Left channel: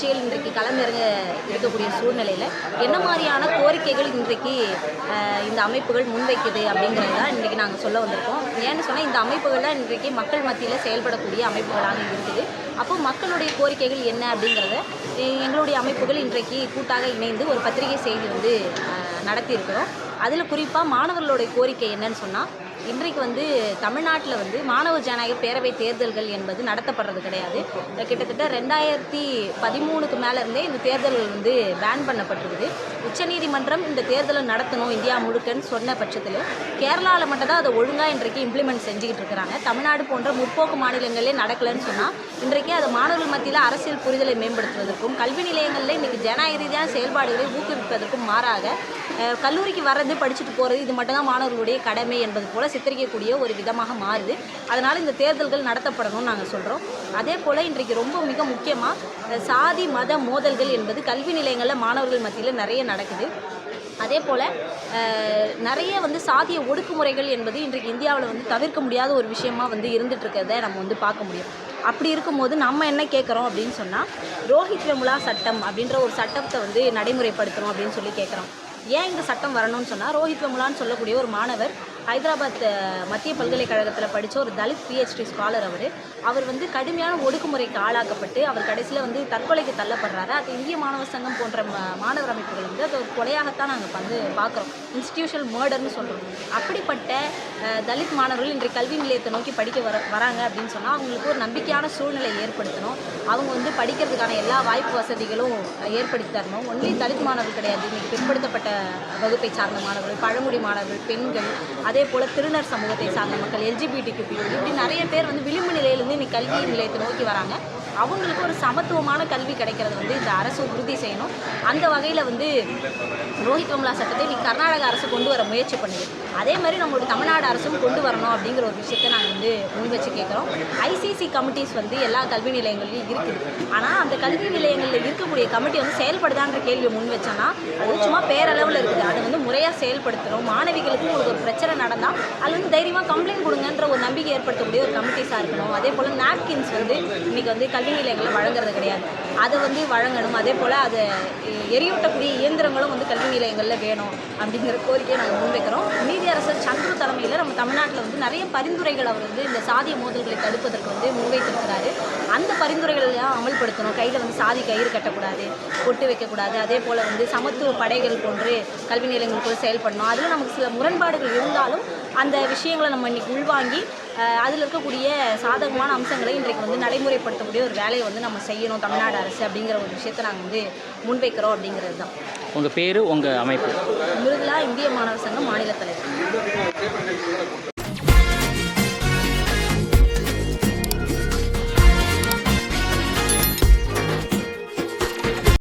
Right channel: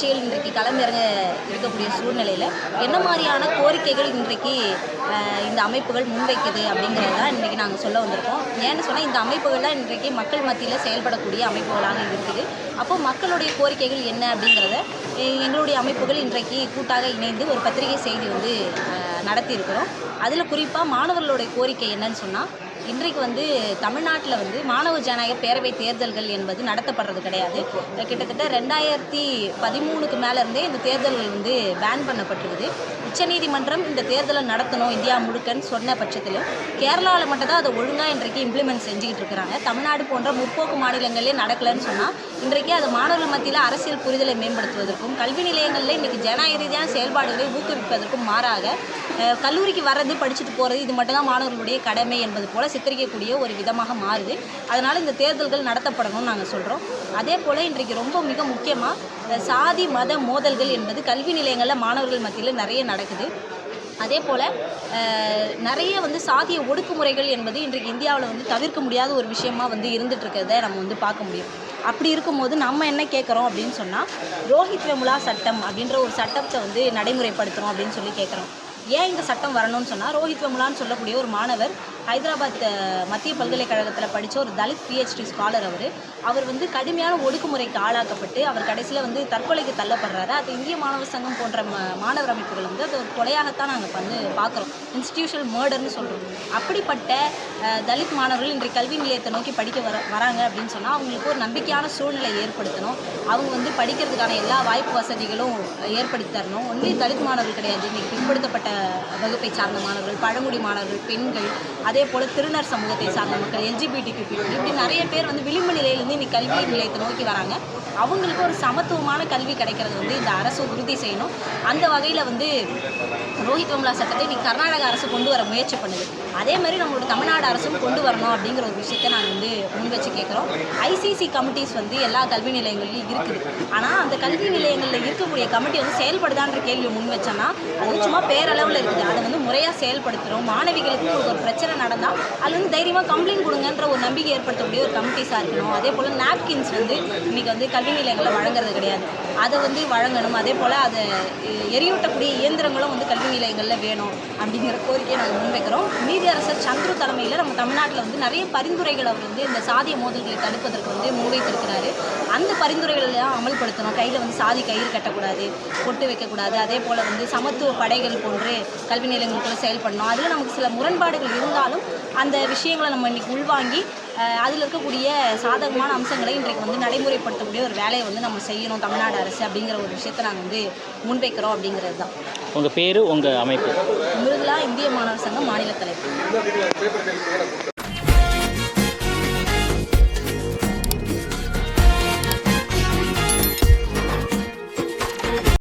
கட்சிகள் இன்றைக்கு களமிறங்க இருக்கக்கூடிய சூழ்நிலையில் என்ன மாதிரியான கோரிக்கைகள் இன்றைக்கு இந்த அமைப்புகள் முன்வைக்குது அப்படிங்கிறது தான் இன்றைக்கி நாங்கள் சொல்ல வந்திருக்கோம். ஏன்னு சொன்னால் இந்த அமைப்புகள்லாம் இன்றைக்கு மக்கள் மத்தியில் செயல்படக்கூடிய அமைப்புகளாக இருக்குது. அப்போது மக்களுடைய கோரிக்கைகள் என்ன அப்படிங்கிறத எங்களுடைய அமைப்புகள் இன்றைக்கு கூட்டாக இணைந்து ஒரு பத்திரிகை செய்தி வந்து நடத்தியிருக்கிறோம். அதில் குறிப்பாக மாணவர்களுடைய கோரிக்கை என்னன்னு சொன்னால், இன்றைக்கு வந்து தமிழ்நாட்டில் மாணவர் ஜனநாயக பேரவை தேர்தல்கள் என்பது நடத்தப்படுறது கிடையாது. கிட்டத்தட்ட 2013க்கு மேலேருந்தே இந்த தேர்தல்கள் பேன் பண்ணப்பட்டுருக்குது. உச்சநீதிமன்றம் இந்த தேர்தலை நடத்தணும் இந்தியா முழுக்கன்னு சொன்ன பட்சத்தில் கேரளாவில் மட்டும் தான் அதை ஒழுங்காக இன்றைக்கு இம்ப்ளிமெண்ட் செஞ்சுக்கிட்டு இருக்கிறாங்க. தமிழ்நாடு போன்ற முற்போக்கு மாநிலங்களே நடக்கலைன்னு சொன்னால் இன்றைக்கு அதை மாணவர்கள் மத்தியில் அரசியல் புரிதலை மேம்படுத்துவதற்கும் கல்வி நிலையங்களில் இன்றைக்கி ஜனநாயக ரீதியான செயல்பாடுகளை ஊக்குவிப்பதற்கும் மாறாக கல்லூரிக்கு வர்றது படிச்சுட்டு போகிறது இது மட்டும்தான் மாணவர்களுடைய கடமை என்பது போல் சித்தரிக்கக்கூடிய ஒரு விதமாக மாறுது. அதனால் இந்த தேர்தல்கள் நடத்தப்படணும்னு நாங்கள் சொல்கிறோம். அதே போல் இன்றைக்கு ரொம்ப மிக முக்கியமாக சாதி மத மோதல்கள் என்பது கல்வி நிலையங்களில் மாணவர்கள் மத்தியில் நிறைய நடக்குது. அதே போல் நிறைய சாதிய ஒடுக்குமுறைகள் என்பது இன்றைக்கு இந்தியாவில் தவிர்க்க முடியாத ஒரு விஷயமாக இருந்துகிட்ருக்கிறத நம்ம பார்க்க முடியும். அப்படி இருக்கும்போது நம்ம என்ன கேட்குறோம் அப்படின்னு சொன்னால், ரோஹித் வெமுலா சட்டம் அப்படின்ற ஒரு சட்டத்தை நடைமுறைப்படுத்தணும் அப்படின்னு சொல்லி கேட்குறோம். ஏன் இந்த சட்டம் வரணும்னு சொன்னால், ரோஹித் வெமுலான்னு சொல்லக்கூடிய ஒரு மாணவர் ஹைதராபாத் மத்திய பல்கலைக்கழகத்தில் படித்த ஒரு தலித் PhD ஸ்காலர். அவர் கடுமையான ஒடுக்குமுறைக்கு ஆளாக்கப்பட்டு அவர் கடைசியில் தற்கொலைக்கு தள்ளப்படுறாரு. அது இந்திய மாணவர் சங்கம் போன்ற மாணவர் அமைப்புகள் அது ஒரு கொலையாகத்தான் நாங்கள் பார்க்குறோம். இன்ஸ்டிடியூஷனல் மர்டர்னு சொல்கிறோம். அப்படிப்பட்ட தலித் மாணவர்கள் இன்றைக்கு கல்வி நிலையத்தை நோக்கி படிக்க வராங்க அப்படின்னு சொன்னால் அவங்களுக்கு ஒரு நம்பிக்கையான சூழ்நிலை ஏற்படுத்தணும். அவங்க படிக்கிறதுக்கான எல்லா வாய்ப்பு வசதிகளும் ஏற்படுத்தி தரணும். ஒன்லி தலித் மாணவர்கள் கிடையாது, இன்றைக்கி பிற்படுத்தப்பட்ட வகுப்பை சார்ந்த மாணவர்கள், பழங்குடி மாணவர்கள், பெண்கள், அதே போல் திருநர் சமூகத்தை சார்ந்த மக்கள், LGBTQ இப்படி நிறைய பேர் விளிம்பு நிலையிலேருந்து இன்னைக்கு கல்வி நிலையத்தை நோக்கி வராங்க. அவங்களுக்கு ஒரு சமத்துவமான கல்வி கிடைக்கிறது இந்த அரசு உறுதி செய்யணும். அந்த வகையில் ரோஹித் வெமுலா சட்டத்தை இன்னைக்கு கர்நாடக அரசு கொண்டு வர முயற்சி பண்ணுது. அதே மாதிரி நம்மளோட தமிழ்நாடு அரசும் கொண்டு வரணும் அப்படிங்கிற ஒரு விஷயத்தை நாங்கள் முன் வச்சு கேட்குறோம். ICC கமிட்டிஸ் எல்லா கல்வி நிலையங்கள்லையும் இருக்குது. ஆனால் அந்த கல்வி நிலையங்களில் இருக்கக்கூடிய கமிட்டி செயல்படுதான்ற கேள்வியை முன் வச்சோன்னா அது சும்மா பேரளவில் இருக்குது. அதை முறையாக செயல்படுத்தணும். மாணவிகளுக்கு உங்களுக்கு ஒரு பிரச்சனை நடந்தால் அது தைரியமாக கம்ப்ளைண்ட் கொடுங்கன்ற ஒரு நம்பிக்கை ஏற்படுத்தக்கூடிய ஒரு கமிட்டிஸாக இருக்கணும். அதே போல் நாப்கின்ஸ் இன்றைக்கி கல்வி நிலையங்களில் வழங்குறது கிடையாது. அதை வழங்கணும். அதே போல் அதை எரியூட்டக்கூடிய இயந்திரங்களும் கல்வி நிலையங்களில் வேணும் அப்படிங்கிற கோரிக்கையை நாங்கள் முன்வைக்கிறோம். நீதியரசர் சந்துரு தலைமையில் நம்ம தமிழ்நாட்டில் நிறைய பரிந்துரைகள் அவர் இந்த சாதிய மோதல்களை தடுப்பதற்கு முன்வைத்திருக்கிறாரு. அந்த பரிந்துரைகளெல்லாம் அமல்படுத்தணும். கையில் சாதி கயிறு கட்டக்கூடாது, பொட்டு வைக்கக்கூடாது. அதே போல் சமத்துவ படைகள் போன்று கல்வி நிலையங்கள் கூட செயல்படணும். அதில் நமக்கு சில முரண்பாடுகள் இருந்தாலும் அந்த விஷயங்களை நம்ம இன்றைக்கி உள்வாங்கி அதில் இருக்கக்கூடிய சாதகமான அம்சங்களை இன்றைக்கு நடைமுறைப்படுத்தக்கூடிய ஒரு வேலையை நம்ம செய்யணும் தமிழ்நாடு அரசு அப்படிங்கிற ஒரு விஷயத்தை நாங்கள் முன்வைக்கிறோம் அப்படிங்கிறது தான். உங்கள் பேர், உங்கள் அமைப்பு? முருகலா, இந்திய மாணவர் சங்கம் மாநில தலைவர்.